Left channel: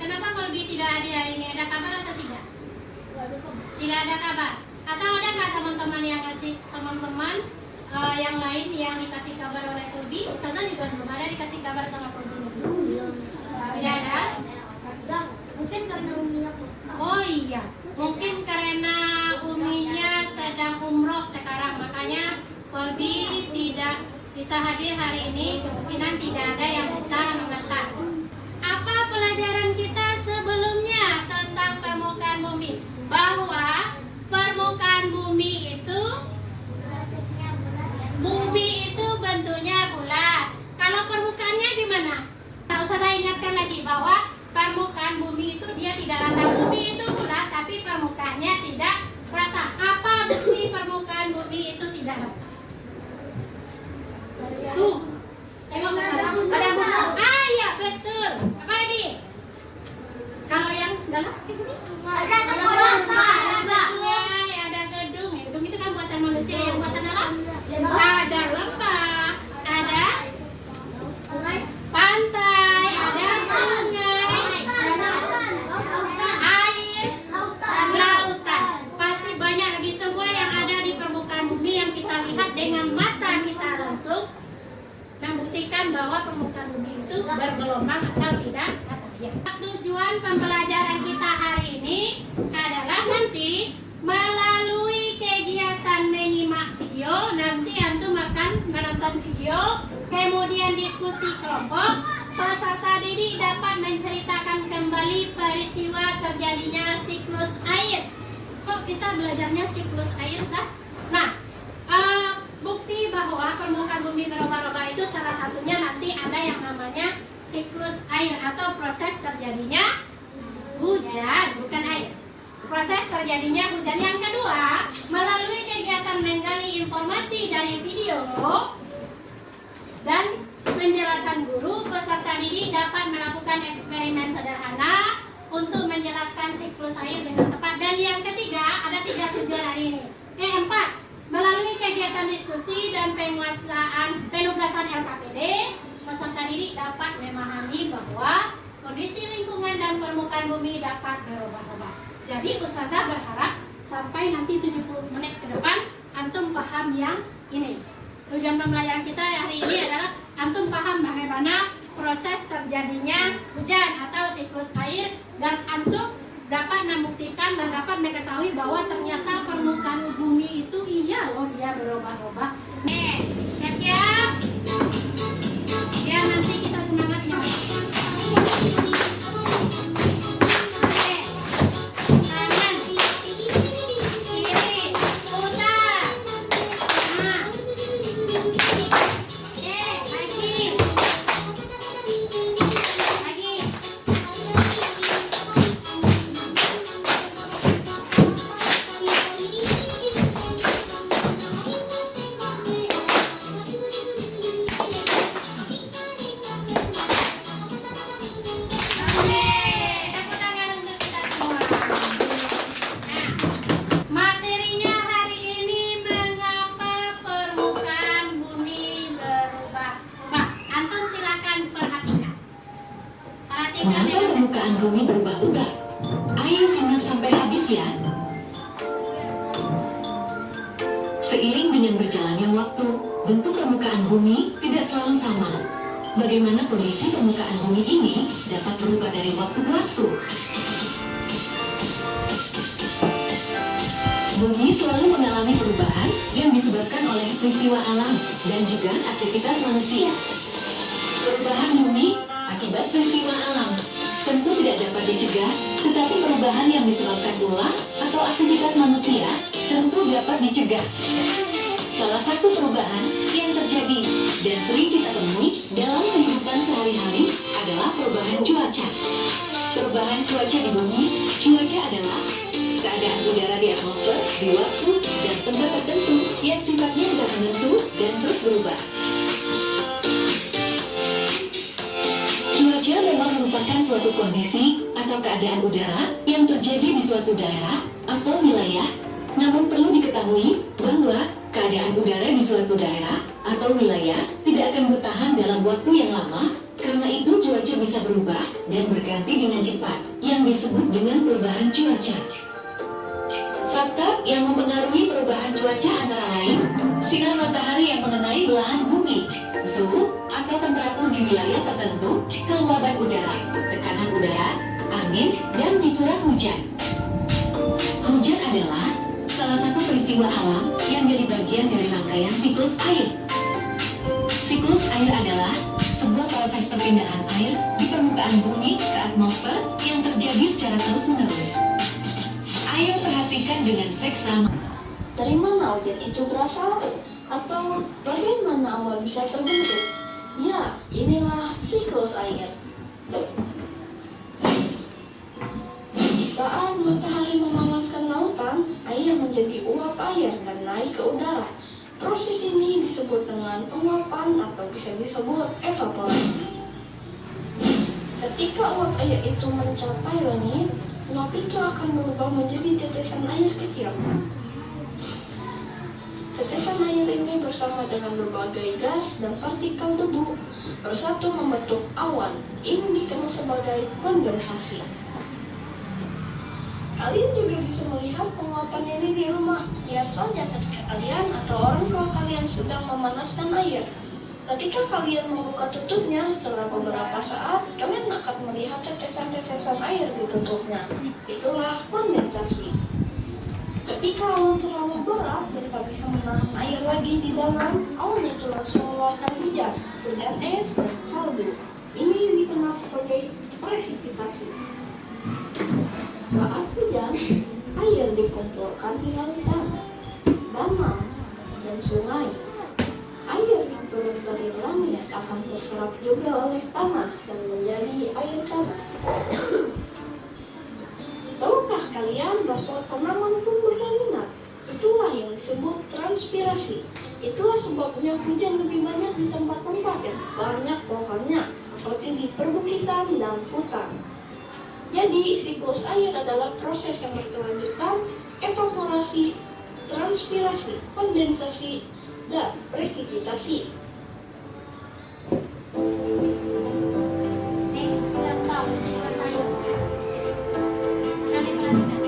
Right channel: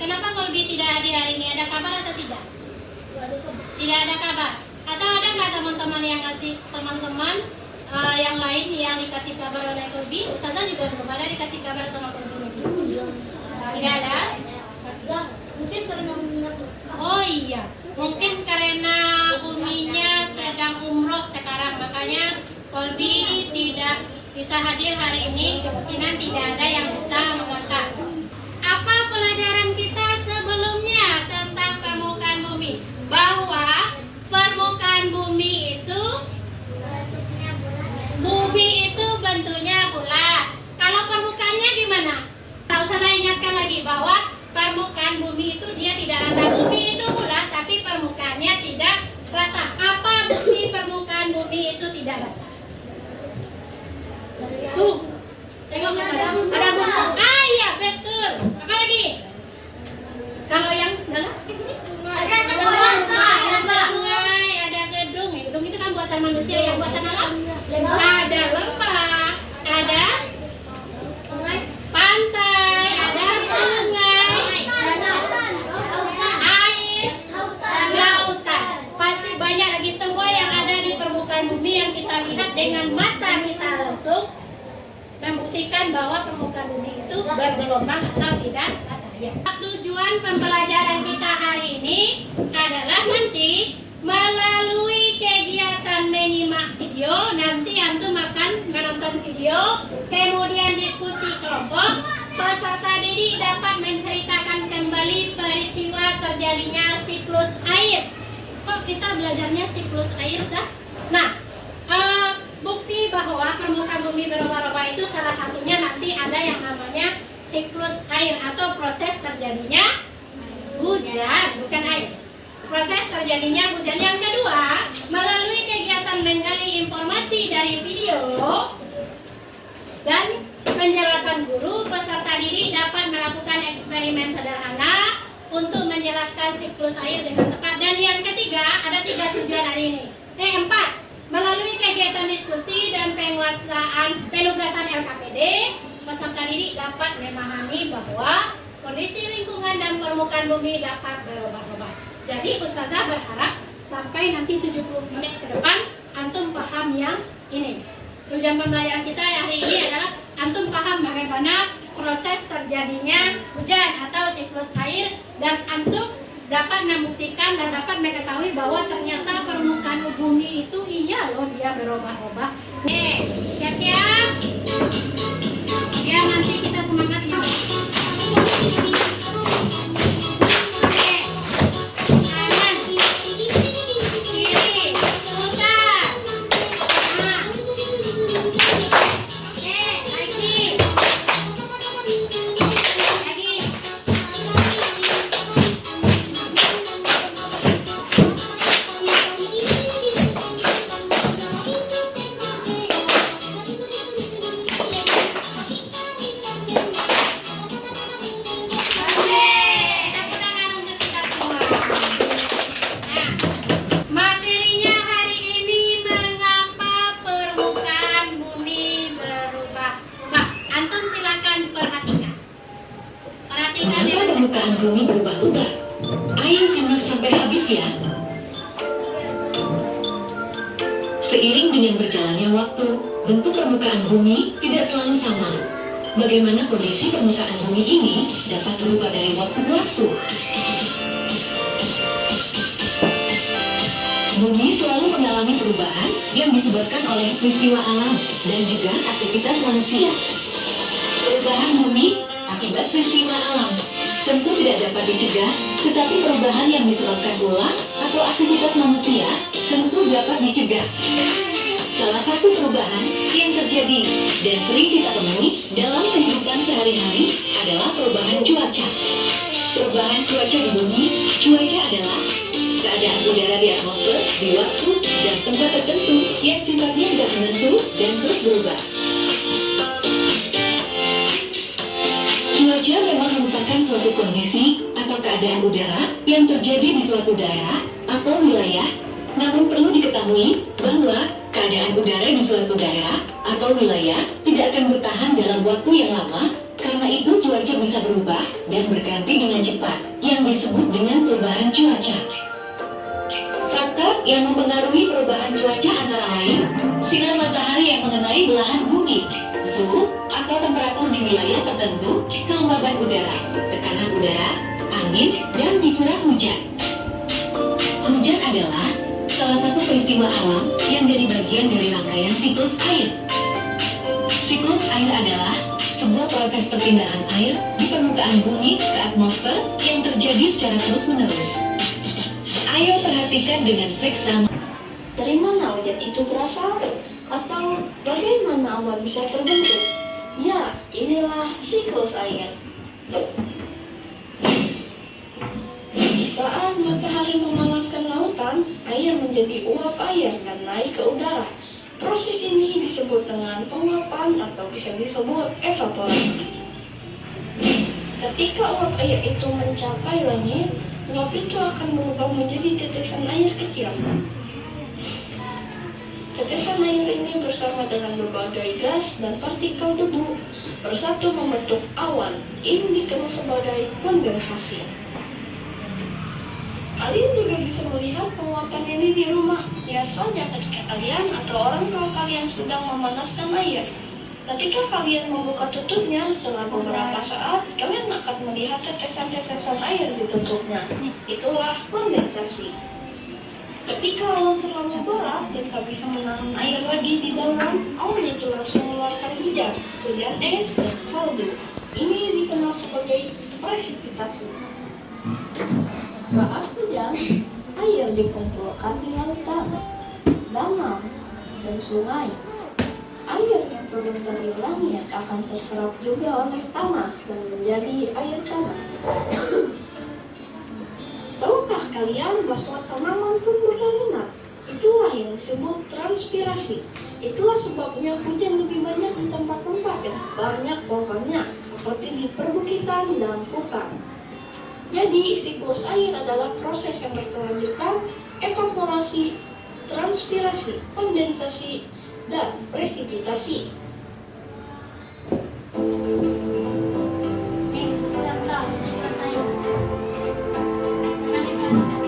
Kenapa Kolbi tidak hadir hari ini? Ada kabar atau tidak? Tidak ada kabar. Atau ada nggak teman-teman yang ngasih yang lain yang dikasih kabar oleh Kolbi? Ustazah juga belum ada dikasih kabar sama Kolbi. Tidak ada? Mungkin karena Umi. Oh iya, mungkin karena Uminya sedang umroh sekarang, makanya Kolbi tidak bisa hadir hari ini. Kemungkinan tidak ada yang bisa mengantar. Apa pelajaran kita sebelumnya tentang permukaan bumi? Bahwa permukaan bumi itu bentuknya bulat. Kalau permukaannya gimana? Tak usah saya ingatkan lagi bahwa permukaan bumi itu dia tidak rata. Bumi itu bulat tapi permukaannya tidak rata. Apa bukti permukaan bumi itu tidak rata? Tengok Ada gunung. Ah iya betul. Apa lagi? Kalau yang dalam Ada sekolah, ada sungai, ada gedung. Gedung itu kan buatan manusia, yang buatan alam. Ada lembah, ada pantai, ada sungai, air, lautan. Pasti banyak lagi semua yang ada di permukaan bumi yang kita lihat dengan mata kita langsung, membuktikan bahwa permukaan bumi itu bergelombang atau tidak. Tujuan pembelajaran kita hari ini adalah nanti melalui kegiatan menyimak video, nanti antum akan menonton video, kemudian diskusi kelompok, peserta didik dapat menceritakan kembali peristiwa terjadinya siklus air. Kok kita belajarnya siklus air, Zah? Nah, bukti bahwa permukaan bumi berubah-ubah itu salah satunya nanti ada yang namanya siklus air atau proses terjadinya hujan, bukan air. Proses terjadinya hujan. Yang kedua, melalui kegiatan menggali informasi dari video dan penjelasan guru, peserta didik dapat melakukan eksperimen sederhana untuk menjelaskan siklus air dengan tepat. Dan yang ketiga, ada 3 tujuan hari ini. 4. Melalui kegiatan diskusi dan penugasan LKPD, peserta didik dapat memahami bahwa kondisi lingkungan dan permukaan bumi dapat berubah-ubah. Jadi Ustazah berharap sampai nanti 70 menit ke depan antum paham yang ini. Tujuan pembelajaran kita hari ini adalah antum paham bagaimana proses terjadinya hujan atau siklus air, dan antum dapat membuktikan dan dapat mengetahui bahwa ternyata permukaan bumi itu iya loh dia berubah-ubah. Siap-siap? Ya, nanti kita semangat ya. Bumi berubah-ubah. Ayo simak sampai habis ya. Seiring dengan berjalannya waktu, bentuk permukaan bumi tidak selalu sama. Bagaimana kondisi permukaan bumi ini dapat berubah dari waktu ke waktu. Bumi selalu mengalami perubahan yang disebabkan oleh peristiwa alam dan juga aktivitas manusia. Perubahan bumi akibat peristiwa alam tentu tidak dapat dicegah, tetapi perubahan yang disebabkan ulah atau aktivitas manusia tentu dapat dicegah. Salah satu perubahan yang terjadi dan sering kita temui dalam kehidupan sehari-hari adalah perubahan cuaca. Perubahan cuaca di bumi, cuaca adalah keadaan udara di atmosfer di waktu dan tempat tertentu yang sifatnya tidak menentu dan terus berubah. Cuaca memang merupakan suatu kondisi atau keadaan udara yang terjadi di suatu daerah atau wilayah. Namun perlu diketahui bahwa keadaan udara di suatu daerah atau wilayah tidak akan bertahan dalam waktu yang lama. Karena itu cuaca bisa berubah dan berganti dengan cepat yang disebut dengan perubahan cuaca. Faktor yang mempengaruhi perubahan cuaca antara lain sinar matahari yang mengenai belahan bumi, suhu atau temperatur di wilayah tertentu, kelembaban udara, tekanan udara, angin, dan curah hujan. Hujan adalah salah satu peristiwa alam yang jadi bagian dari rangkaian siklus air. Siklus air adalah sebuah proses perpindahan air di permukaan bumi ke atmosfer yang terjadi secara terus-menerus. Ayo perhatikan dengan seksama. Dari mana hujan itu berasal? Atau bagaimana awan bisa terbentuk? Ya, inilah siklus air. Di saat matahari memanaskan lautan, air menjadi uap air dan naik ke udara. Proses ini disebut dengan penguapan atau bisa disebut evaporasi. Ketika uap air itu mencapai langit, uap itu akan berubah menjadi tetesan air kecil. Tetesan air ini bersama dengan berbagai gas dan partikel debu bersatu membentuk awan. Ini dikenal sebagai kondensasi. Kalian juga bisa melihat penguapan ini di rumah. Lihat saja ketika kalian atau orang tua kalian sedang memanaskan air. Ketika kalian membuka tutupnya, setelah beberapa saat, kalian akan melihat tetesan-tetesan air di tutupnya. Itulah kondensasi. Ketika awan terlalu berat dan tak bisa menahan air lagi di dalam, awan itu langsung mengeluarkan hujan es, dan salju. Ini dikenal sebagai presipitasi. Saat hujan, air dikumpulkan di lautan, danau, dan sungai. Air yang turun dari langit akan terserap juga oleh tanah dan menjadi air tanah. Tahukah kalian bahwa tanaman pun berminat? Itulah yang disebut transpirasi. Itulah sebabnya hujan lebih banyak di tempat-tempat yang banyak pohonnya, seperti di perbukitan dan hutan. Jadi, siklus air adalah proses yang berkelanjutan, evaporasi, transpirasi, kondensasi, dan presipitasi. Nih, kalian tahu siklus air. Nanti perhatikan.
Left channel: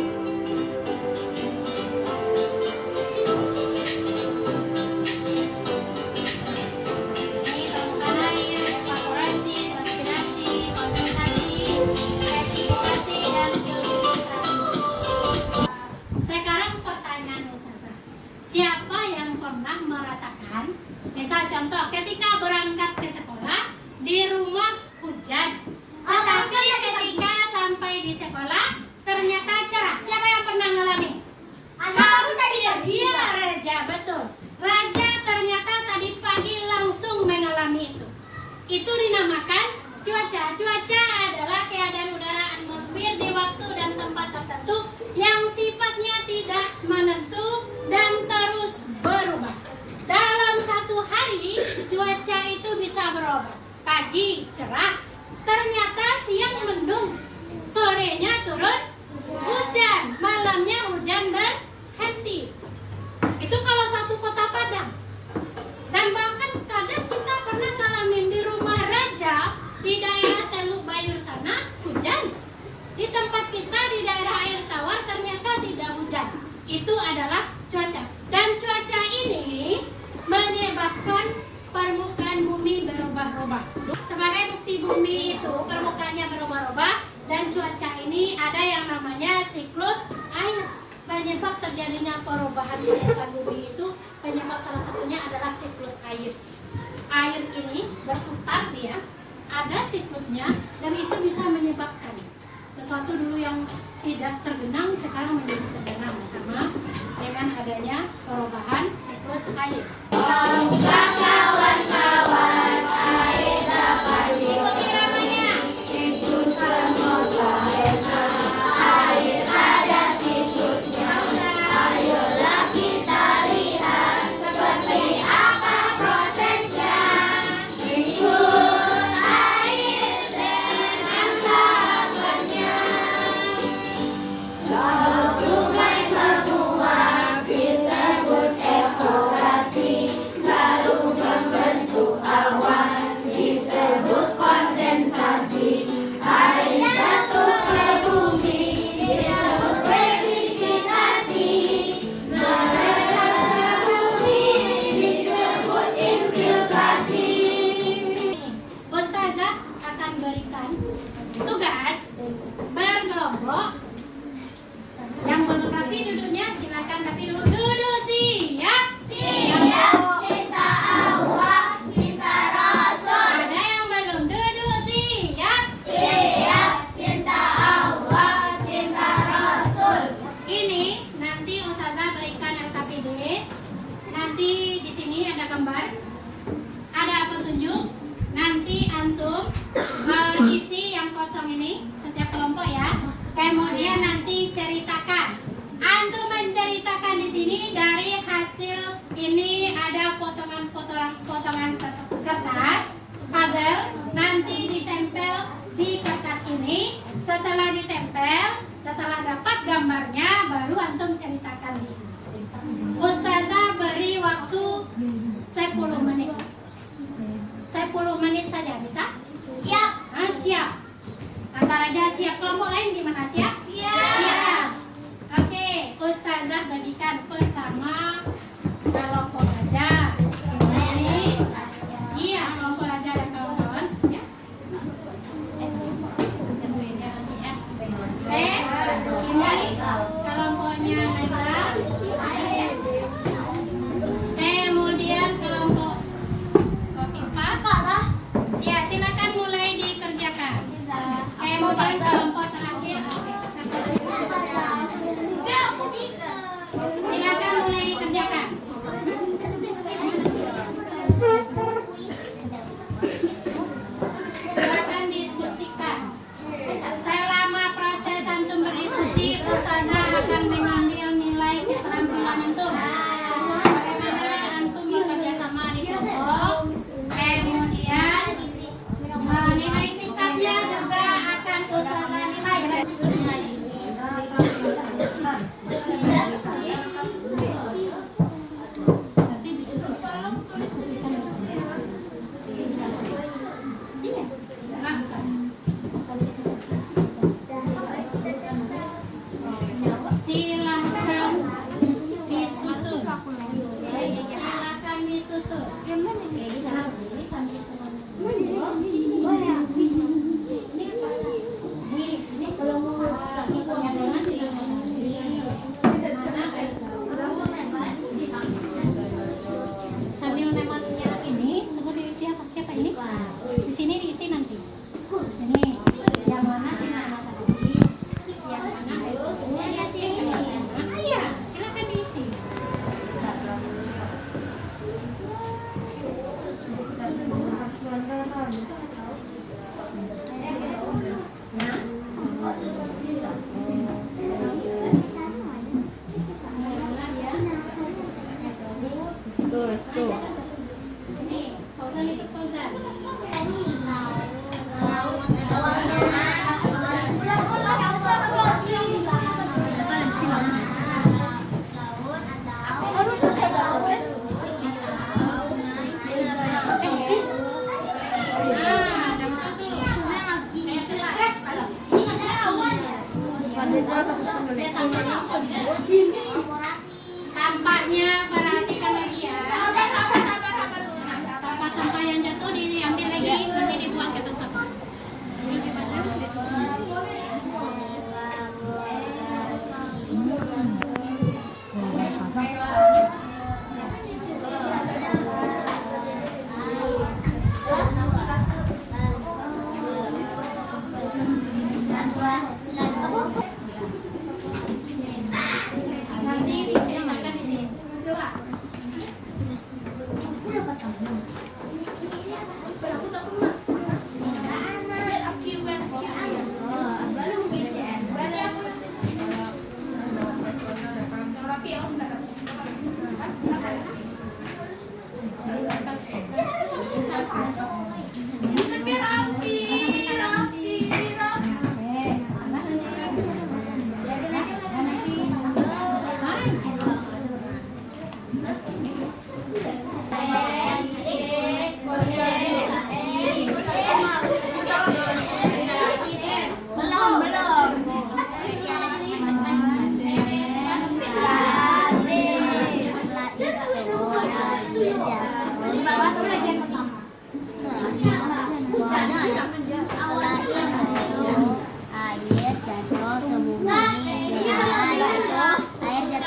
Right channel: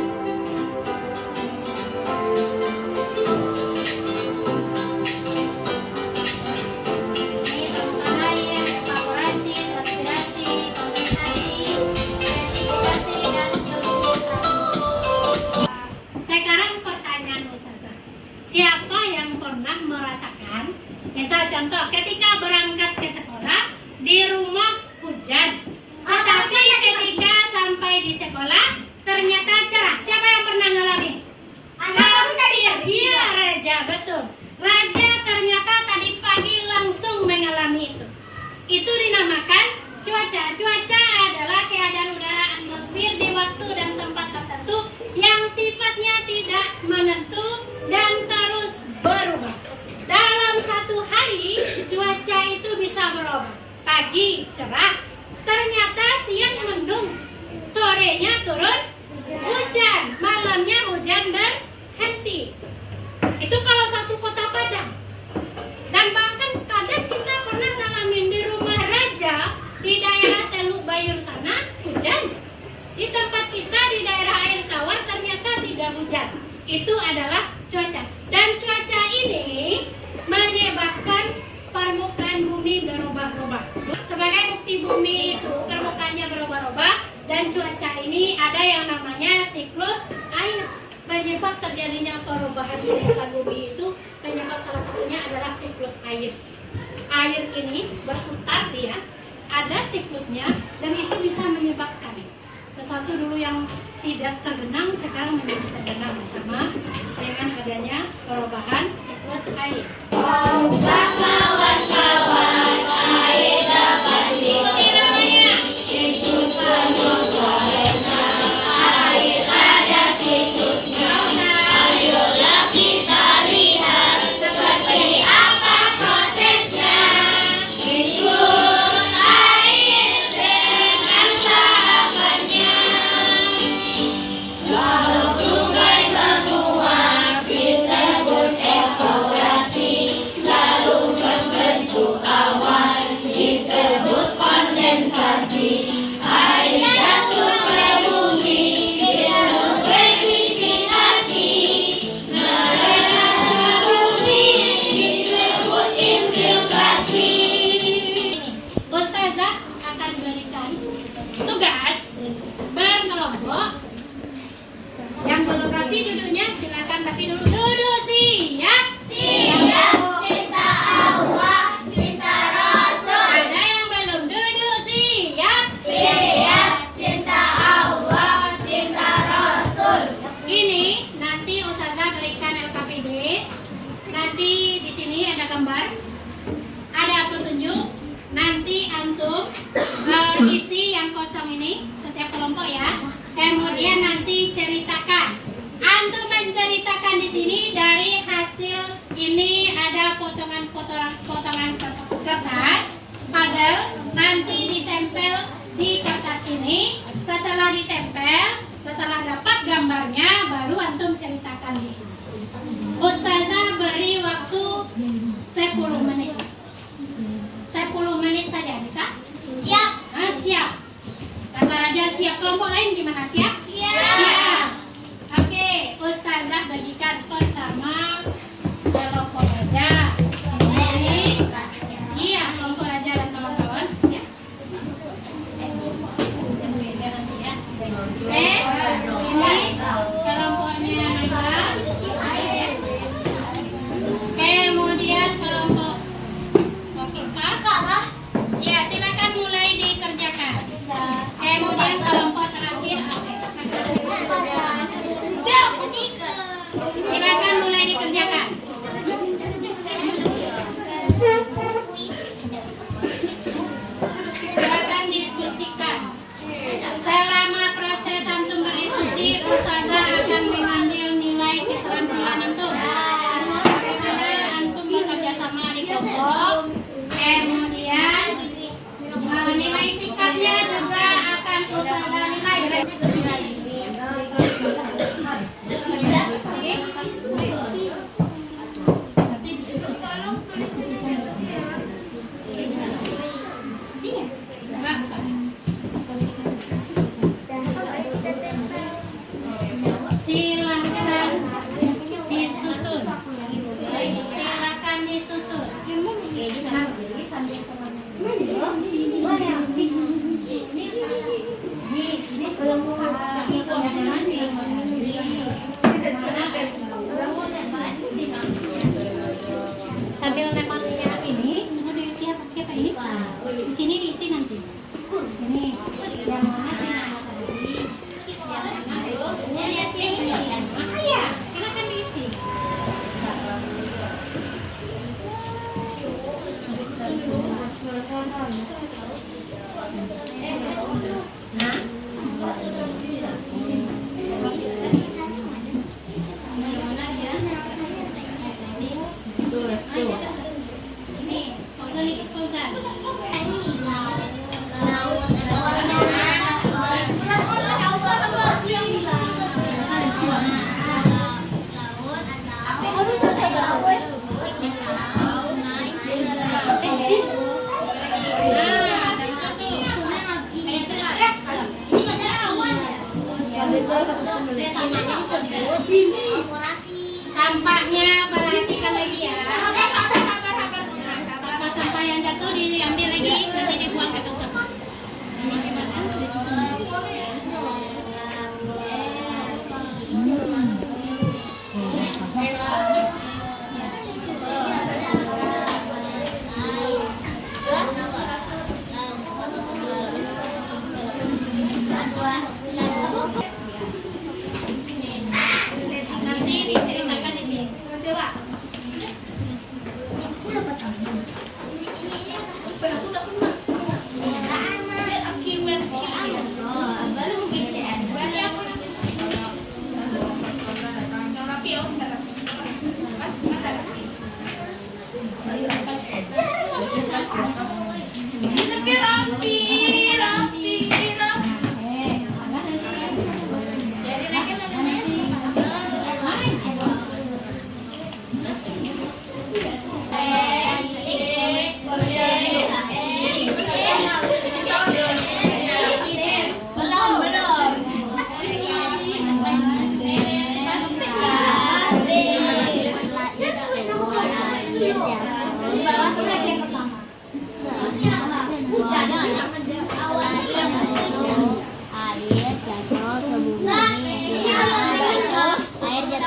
Ini permukaan air, evaporasi, transpirasi, kondensasi, presipitasi, dan filtrasi. Sekarang pertanyaan Ustazah, siapa yang pernah merasakan, misal contoh ketika berangkat ke sekolah, di rumah hujan, tetapi ketika sampai di sekolah ternyata cerah? Siapa yang pernah ngalamin? Iya, Raja, betul. Raja ternyata tadi pagi langsung mengalami itu. Itu dinamakan cuaca. Cuaca adalah keadaan udara atmosfer di waktu dan tempat tertentu yang sifatnya tidak menentu dan terus berubah. Dalam satu hari, cuaca itu bisa berubah. Pagi cerah, ternyata siang mendung, sorenya turun hujan, malamnya hujan berhenti. Itu kalau satu kota Padang. Dan bahkan kadang kita pernah ngalamin di rumah Raja di daerah Teluk Bayur sana hujan. Di tempat kita di daerah Air Tawar ternyata tidak hujan. Itu adalah cuaca. Dan cuaca ini menyebabkan permukaan bumi berubah-ubah. Sebagai bukti bumi itu permukaannya berubah-ubah, dan cuaca ini ada yang namanya siklus air. Penyebab terjadinya perubahan permukaan bumi itu, penyebab salah satunya adalah siklus air. Air ini berputar dia, ada siklusnya, dan itu bisa menyebabkan sesuatu dulu yang tidak tergenang sekarang menjadi tergenang sama dengan adanya perubahan siklus air. Ikuti namanya. Ustazah akan berikan tugas berkelompok. Yang belum rapi duduknya silakan rapi dulu. Duduk siap. Ada yang belum duduk siap. Ini nanti Ustazah berikan LKPD. Nanti di sini ada gambar, ada petunjuk. Nanti antum isi yang kosong ini setiap kelompok ya. Kemudian nanti ceritakan. Antum menceritakan di sini dari hasil ini ada potongan kertas puzzle. Nanti ditempel di kertas ini. Setelah ditempel, setelah dapat gambarnya, baru antum ceritakan di sini. Ustazah beri waktu 10 menit. 10 menit saja bisa? Siap. Siap. Kata Raja siap. Kelompok lain gimana? Siap? Siap. Oke, Ustazah bagikan pertama kelompok Raja. Ini, iya, kelompok Raja dan kawan-kawan. Ya. Oke, ini kelompoknya Naila. Kemudian kelompok Kofifa. Ya, silakan mulai dikerjakan. Kemudian kelompok terakhir. Silakan mulai dikerjakan. Silakan diskusikan. Selama proses antum berdiskusi, Ustazah akan mengambil nilai keterampilan antum. Bagaimana antum bekerja sama di kelompok. Kemudian nilai sikapnya juga akan Ustazah nilai. Nanti diskusikan di sini. Iya, enggak, bukan. Silakan disusun. Silakan disusun. Sambil lemarinya ini, tunggu di siapa ini? Di sini diisi nanti. Ini yang mana sih nama tadi? Yang mana? Iya, silakan diisi. Nah, mana dia? Ini, Fauzan ikut Fauzan. Sampahnya perhatikan lagi ya. Sampah-sampah yang jatuh diambil lagi, nanti dibuang ke tong sampah. Ini gimana?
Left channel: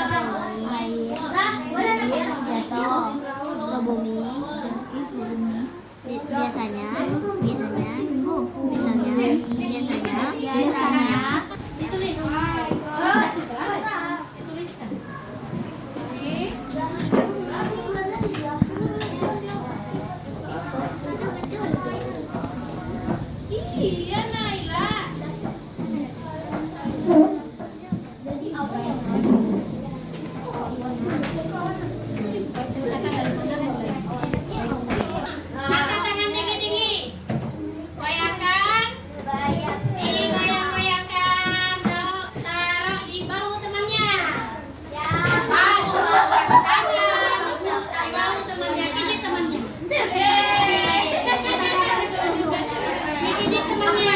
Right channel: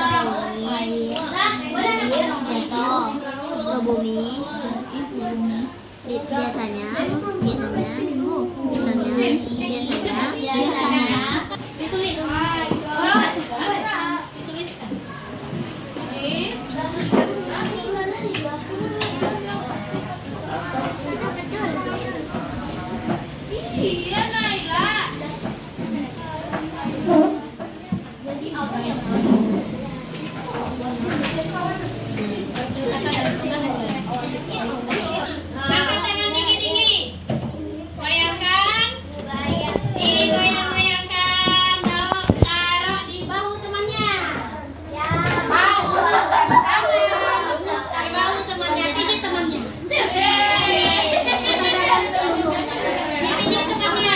air jatuh ke bumi. Biasanya Ditulis. Dituliskan. Oke. Iya, Naila. Angkat tangan tinggi-tinggi. Goyangkan. Digoyang-goyangkan. Taruh di bahu temannya. Bahu. Tangan. Di bahu temannya. Pijit temannya. Pijit temannya.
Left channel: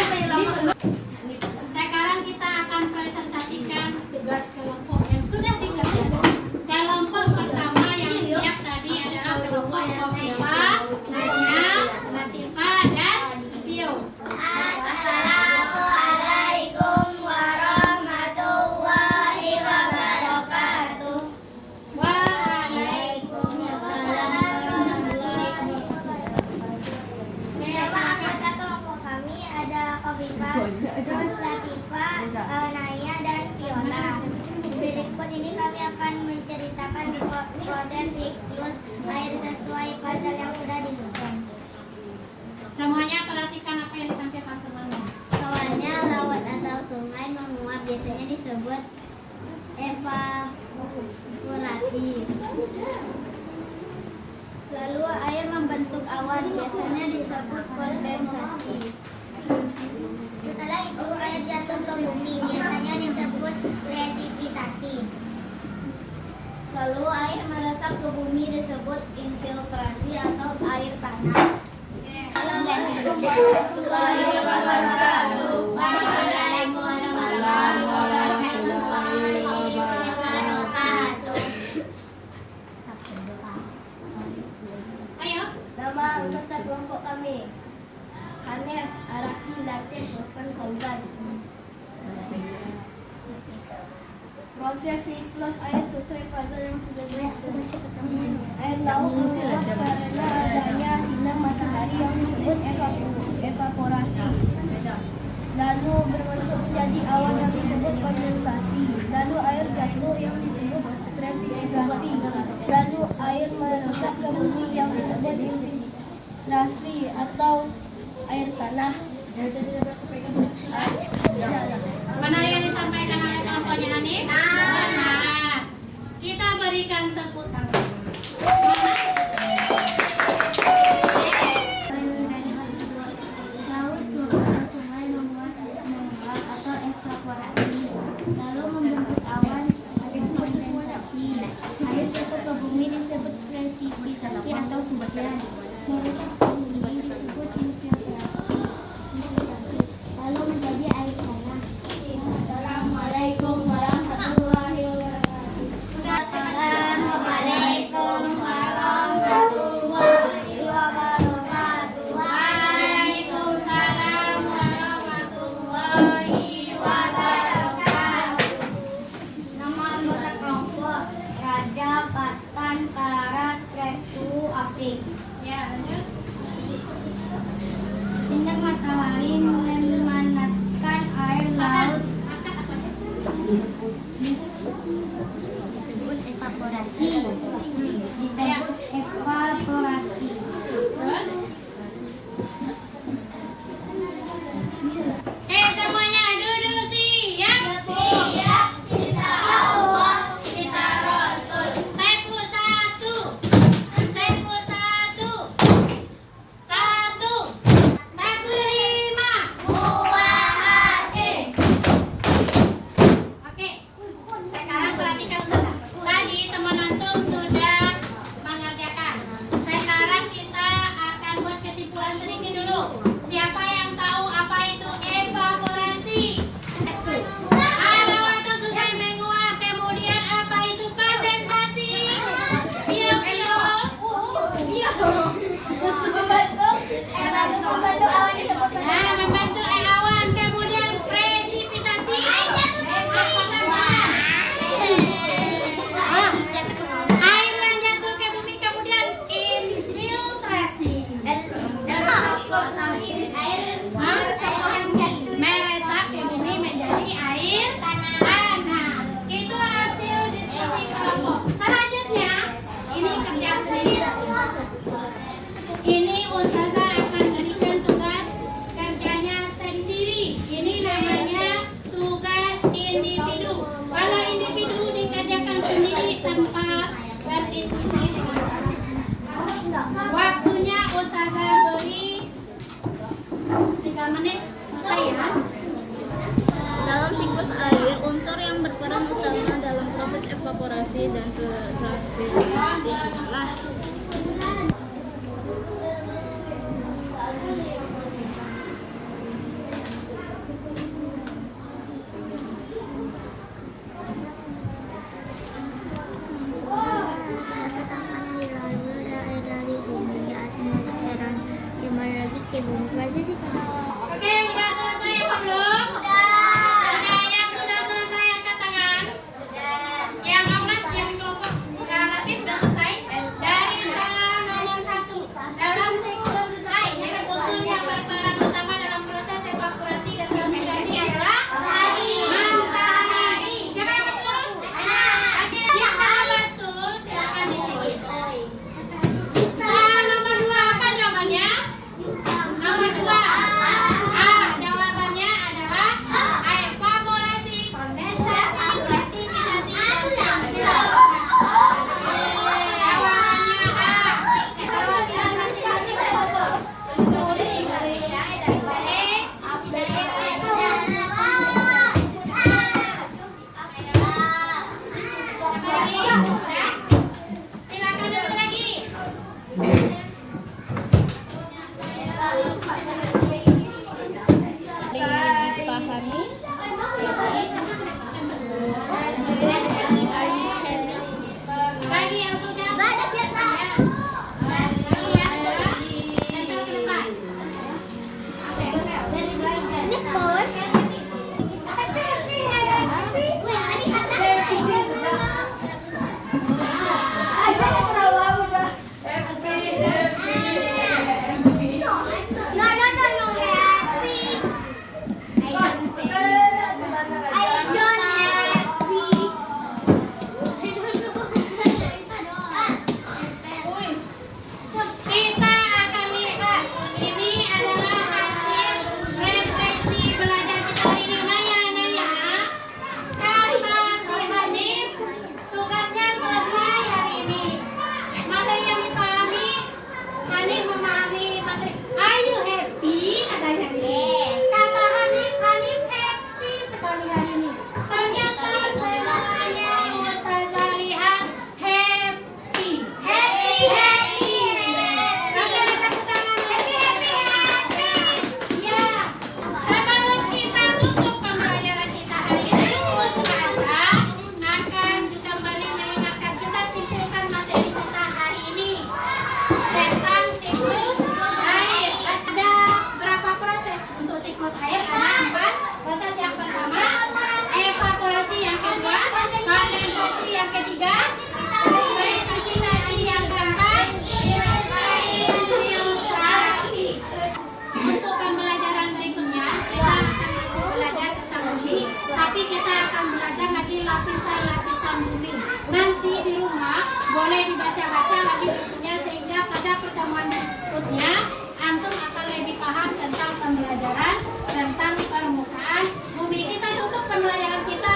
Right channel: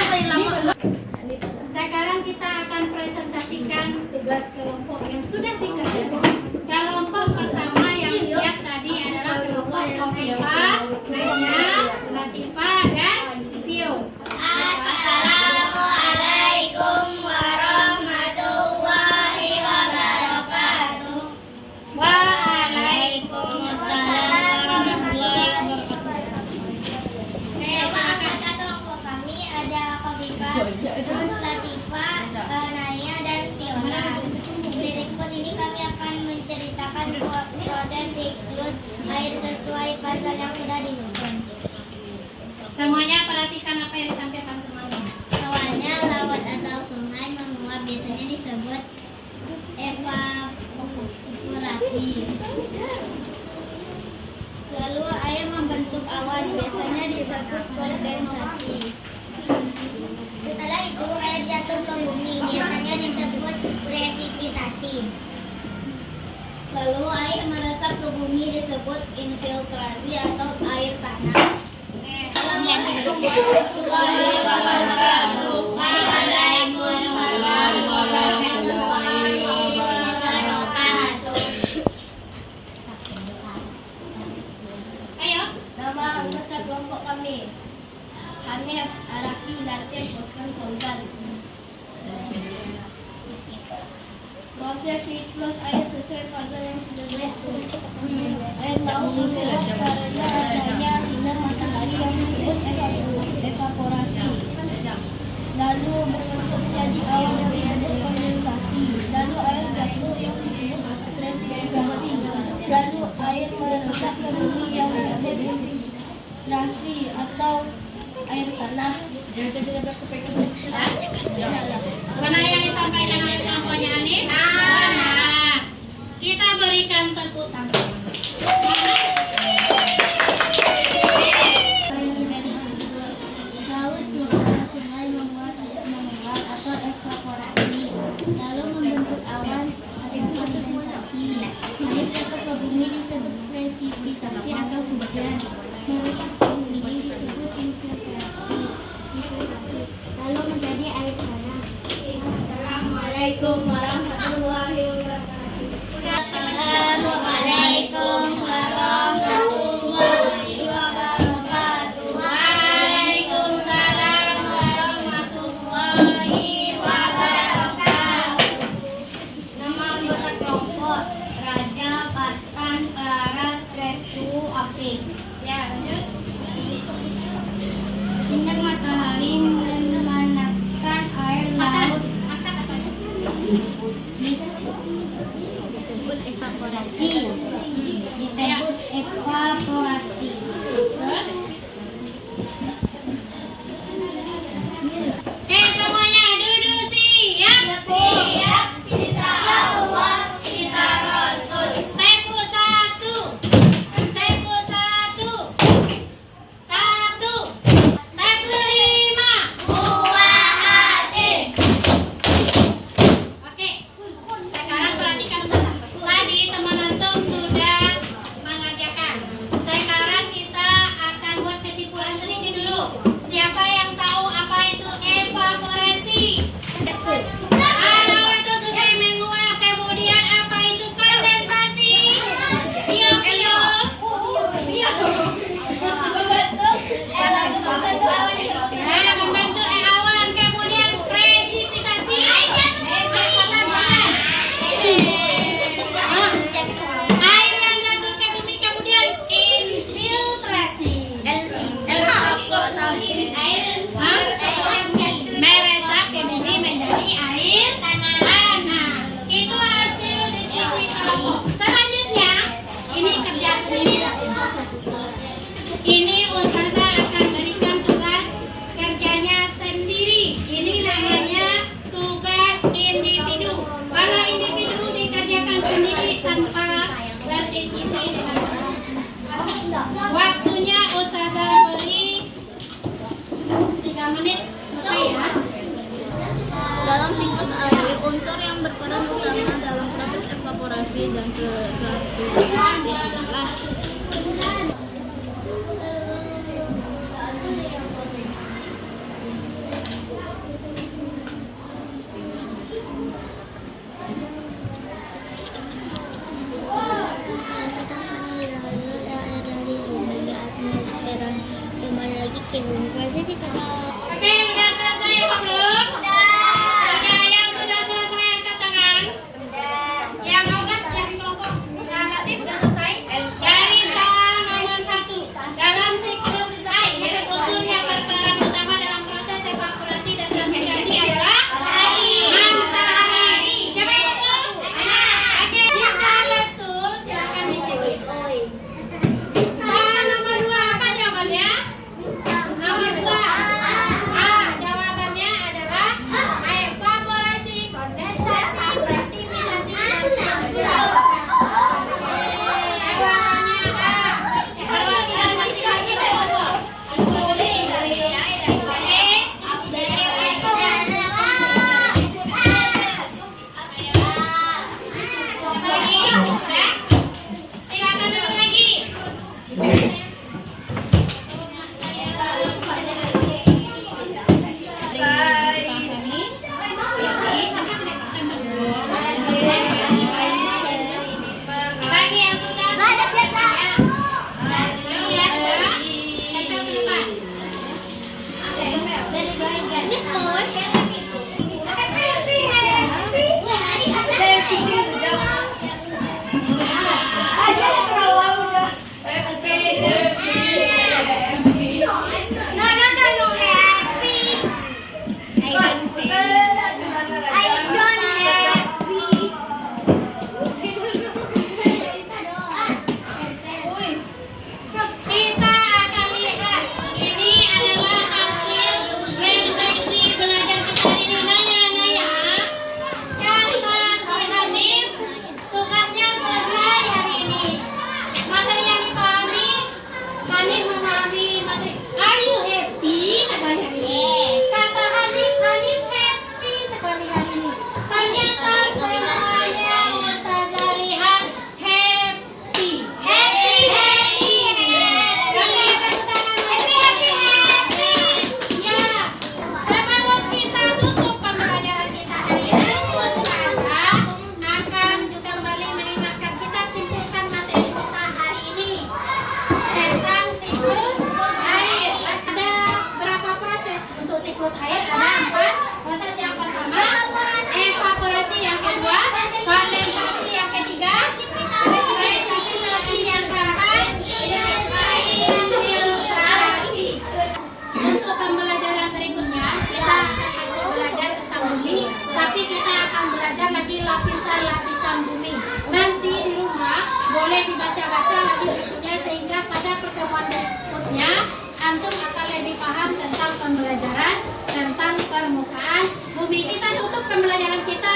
Sekarang kita akan presentasikan tugas kelompok yang sudah dikerjakan. Kelompok pertama yang siap tadi adalah kelompok Kofifa, Nanya, Latifa, dan Vio. Assalamualaikum warahmatullahi wabarakatuh. Waalaikumsalam. Nama anggota kelompok kami ada Kofifa, terus Latifa, Naya, dan Fiona. Berikut ini kami akan menceritakan proses siklus air sesuai pasal yang sudah disusun. Semuanya perhatikan apa yang ditampilkan temannya. Awalnya laut atau sungai menguap biasanya disebut evaporasi. Lalu air membentuk awan biasanya disebut kondensasi. Setelah itu air jatuh ke bumi biasanya disebut presipitasi. Lalu air meresap ke bumi disebut infiltrasi atau air tanah. Assalamualaikum warahmatullahi wabarakatuh. Waalaikumsalam warahmatullahi wabarakatuh. Ayo. Nama anggota kelompok kami Hanef, Araki, Latif, Orkan, Fauzan. Proses siklus air sesuai pasal yang sudah disusun. Air laut menguap karena adanya sinar matahari yang disebut evaporasi. Lalu berbentuk menjadi awan yang disebut kondensasi. Lalu air jatuh yang disebut presipitasi. Lalu air meresap ke bumi yang disebut infiltrasi atau air tanah. Mana yang disampaikan oleh kelompoknya Anif? Nah, kita berikan tepuk tangan. Laut, sungai, sungai menguap atau evaporasi, lalu membentuk awan atau kondensasi. Air jatuh ke bumi disebut presipitasi atau hujan. Meresap ke bumi disebut infiltrasi, lalu menjadi air tanah. Assalamualaikum warahmatullahi wabarakatuh. Assalamualaikum warahmatullahi wabarakatuh. Waalaikumsalam warahmatullahi wabarakatuh. Nama anggota kelompok Raja, Patan, Paras, Restu, Apik. Ya, lanjut. Sinar matahari memanaskan air laut Angkat apa ya? disebut evaporasi. Disebut evaporasi. Semuanya duduk siap. Siap, kita Allah. Kita Rasul. Tempo 1. Tempo 1. 1. Tempo 5. Buah hati. Oke. Sekarang perhatikan akan kembali mengingatkan kita simpulkan materi kita hari ini tentang siklus air. Ada berapa proses untuk siklus air? Ada 4 proses. Yang pertama evaporasi, yang kedua kondensasi, yang ketiga presipitasasi, yang keempat filtrasi. Untuk pembelajaran berikutnya kita akan masih belajar tentang bumi, tapi kita akan belajar lagi lapisan-lapisan bumi. Nanti di rumah boleh dibaca-baca lagi bukunya sehingga pada pertemuan berikutnya antum akan lebih paham tentang pembelajaran tentang permukaan bumi. Kita tutup pembelajaran kita